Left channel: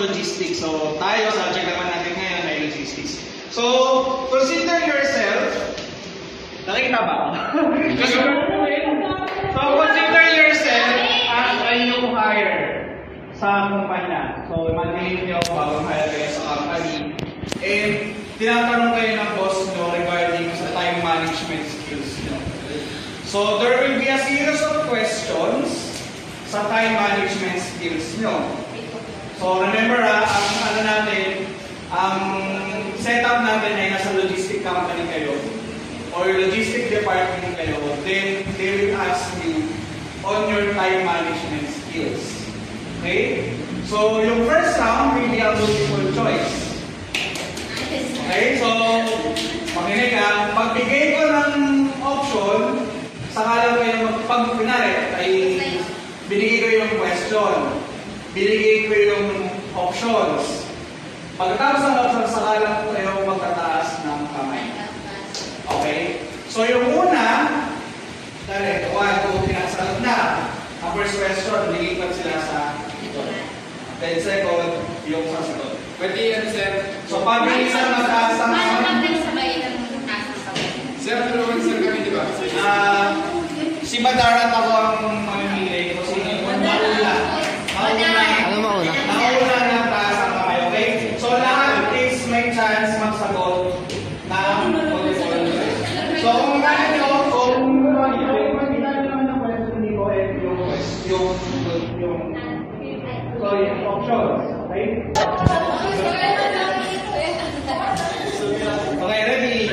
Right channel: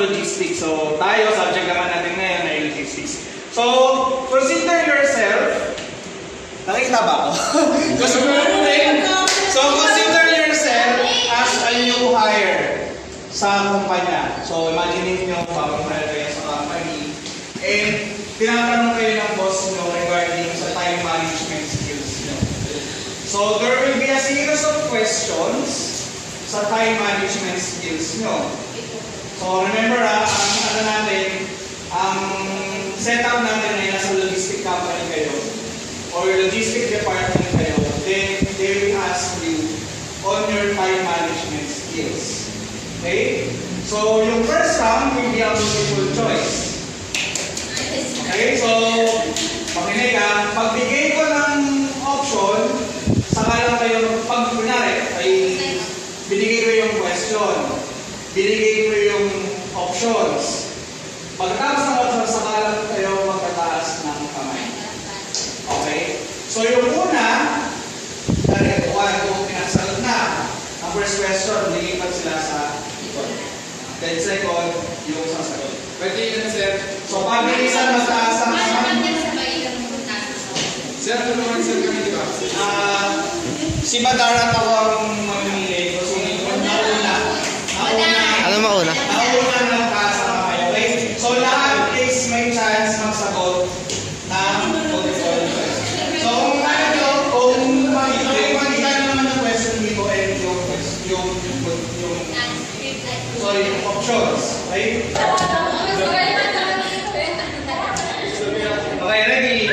logistics. So, tayo, subject natin ngayon ay logistics. So, consider yourself. Nakikita ba ako? So, consider yourself as a new hire sa kumpanya. So, imagine nyo, bagong hire kayo sa company. And, tinatanong kayo ng boss nyo regarding sa time management skills nyo. So, there will be a series of questions sa time management skills nyo. So, remember ang ano natin, ang setup natin ay nasa logistic company kayo or logistic department kayo, then they will ask you on your time management skills. Okay? So, yung first round will be a multiple choice. Okay? So, pakinig ka, pagbigay ko ng option, saka lang kayo pag-kunari ay binigay ko yung question, binigay ko yung options. Pagkatapos ng options, saka lang kayo magtataas ng kamay. Okay? So yung una, direct, 1, 2, 3, nasagot na. Ang first question, binigay ko sila sa ito. Then second, yung sasagot. Pwede yan, sir. So pag isa mataas ang kamay, sir, tulungan sir kami, di ba? si Badar at ako ang mamimili ko sino yung mauna. Ano mauna? Mauna ng taas ang kamay, okay? So lahat is may chance magsagot ng multiple choice. So kung makikita nyo naman yung question dito and yung options, okay? Okay, ready?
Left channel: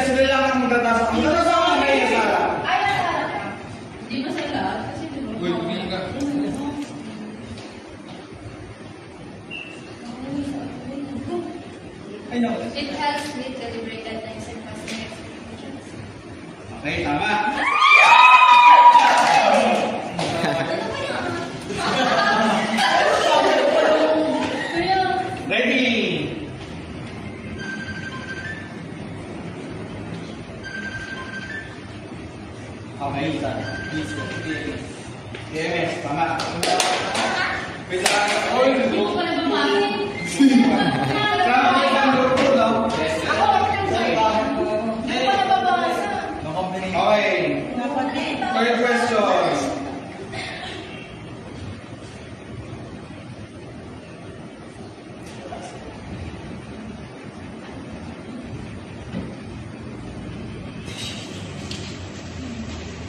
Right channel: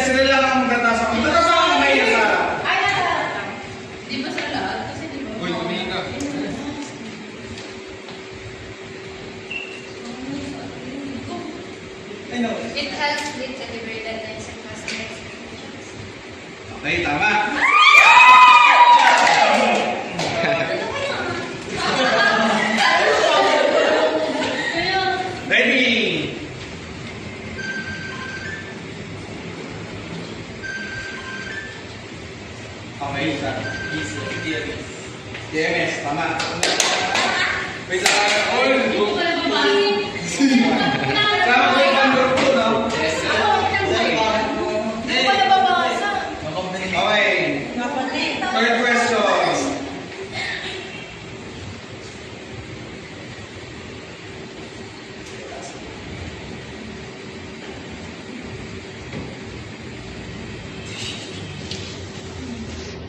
Sila lang ang magtataas ang kamay niya sa harap. Di ba sa lahat? Kasi di ba? Uy, tumingin ka. I know. It helps with delivery deadlines and customer expectations. Okay, tama. Ready? Okay, isa. DMS, tama. Wait lang. Oy! Sama ko yung number 2, no? Yes, sir. Okay. Third question.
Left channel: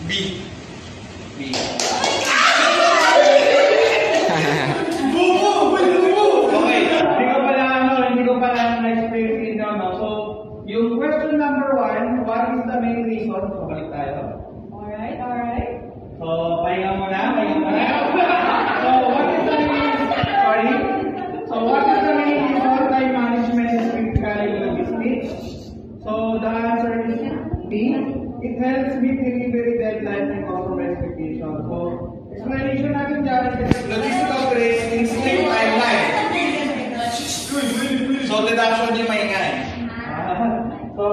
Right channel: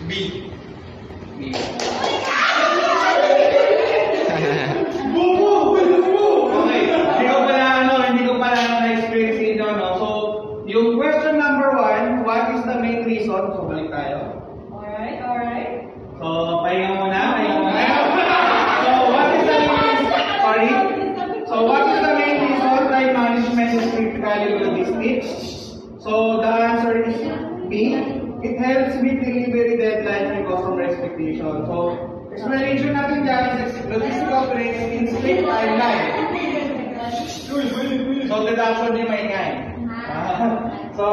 B. B. Hindi ko pala na-experience dito, no? So, yung question number 1, what is the main reason? So, balik tayo. Alright. So, pahinga muna. So, what is the main reason time management is critical in logistics? So, the answer is B. It helps meet delivery deadlines and customer expectations. So, explanation natin dyan is logistic operates in strict timeline. So, deduction yung maingay. So,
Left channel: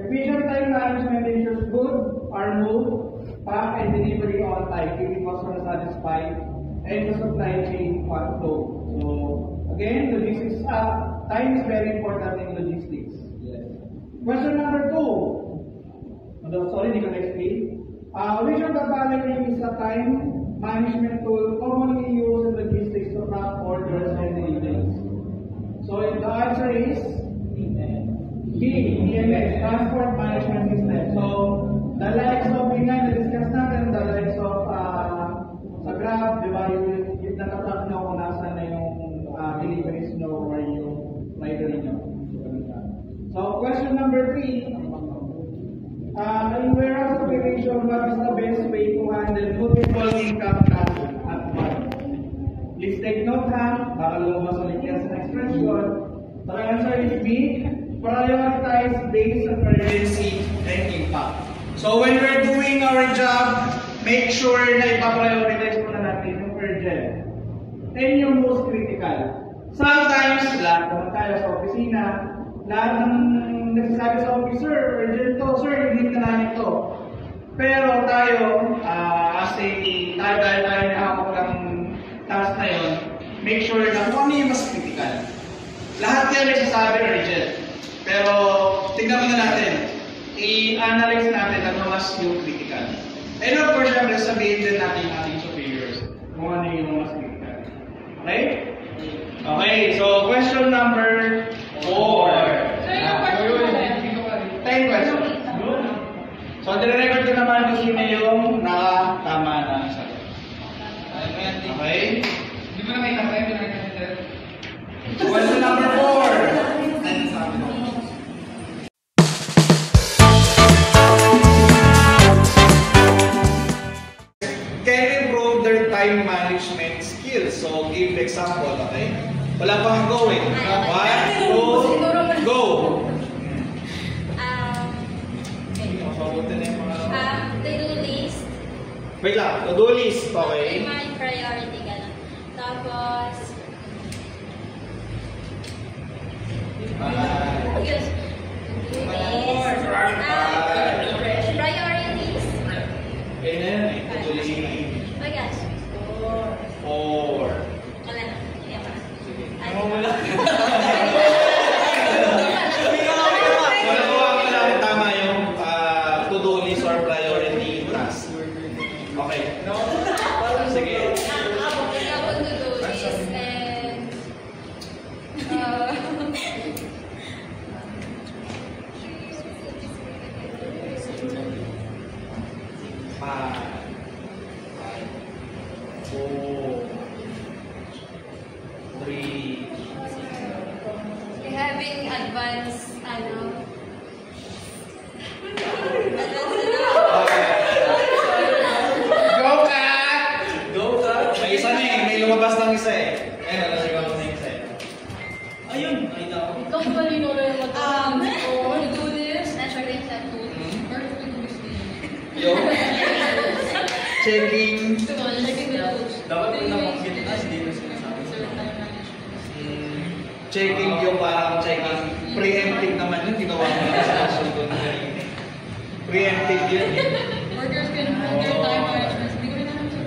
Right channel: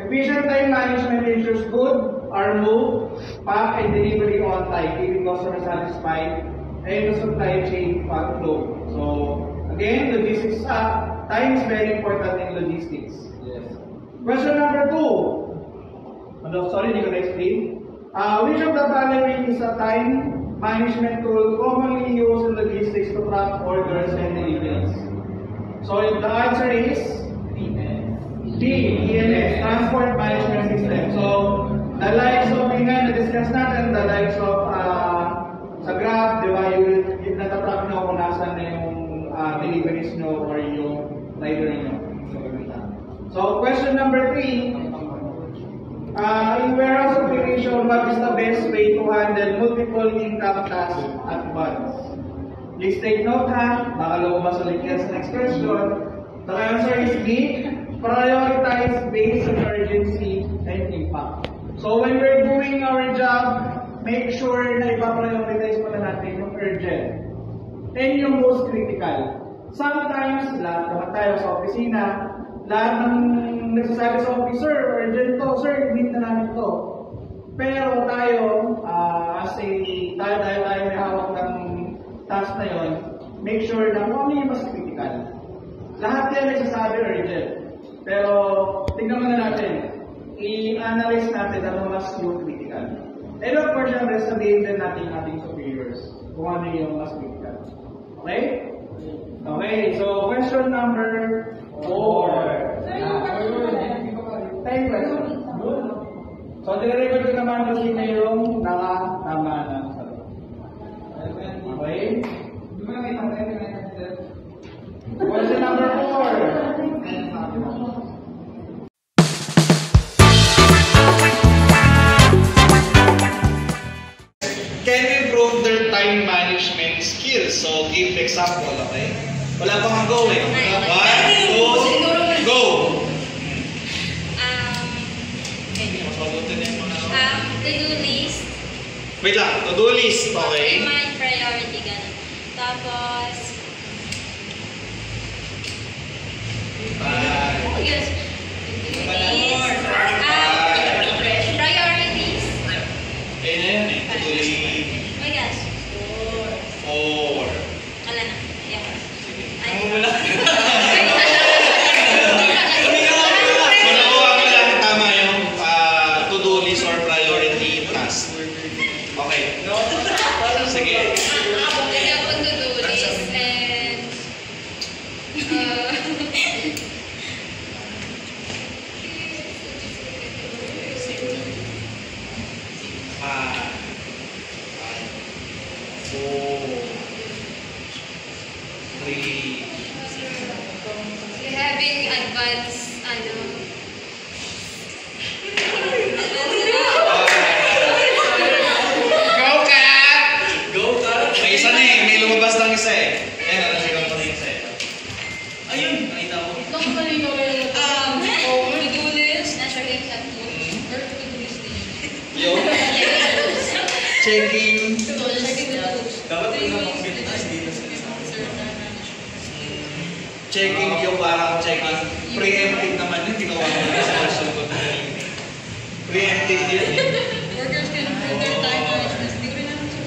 efficient time management ensures goods are moved, packed, and delivery on time, keeping customers satisfied, and the supply chain flow. So, again, logistics time is very important in logistics. Yes. Question number 2. Sorry, hindi ko na-explain. Which of the following is a time management tool commonly used in logistics to track orders and deliveries? So the answer is D, TMS, Transport Management System. So the likes of na-discuss natin, the likes of sa Grab, di ba, yung natatrack nyo kung nasan na yung deliveries nyo or yung rider nyo. So question number 3. In warehouse operation, what is the best way to handle multiple income tasks at once? Please take note, ha? Baka lumabas ulit yan sa next question. The answer is B. Prioritize based on urgency and impact. So when we're doing our job, make sure na ipa-prioritize mo na natin yung urgent and yung most critical. Sometimes, lahat naman tayo sa opisina, lahat ng nagsasabi sa officer, urgent to, sir, hindi ka namin to. Pero tayo, tayo hawak ng task na yun, make sure na kung ano yung mas critical. Lahat yan ay sasabi urgent. Pero, tignan muna natin. I-analyze natin ano mas yung critical. And of course, syempre, sabihin din natin yung ating superiors kung ano yung mas critical. Okay? Okay, so question number 4. 10 questions. So, dire-record ko naman kung sino yung nakatama na sagot. Okay? Hindi mo na may kapay, may nakakita. Question number 4. Can improve their time management skills. So, give example, okay? Wala pang go eh. 1, 2, go! To-do list. Wait lang, to-do list, okay? My priority, ganun. Tapos, yes. Priorities. Ayun na yun eh, to-do list. Oh, yes. 4. Kala na. Ayan. Ay. Nakuha ko lang tama yung to-do list or priority task. Okay. Sige. Kaya po to-do list and having advanced, Go, Kat! Go, Kat! May isa na eh. May lumabas ng isa eh. Ayun, nalasigaw ko na yung isa eh. Ayun, nakita ko. to-do list, nasa rin sa tool, or to-do list din. Yo. Checking. Dapat may namakbit na, hindi na sinasabi. Checking yung parang checking. Preemptive naman yun. Ginawa ko na sa question ko. Preemptive yun eh. Workers can improve their time management. Hindi ko rin alam sa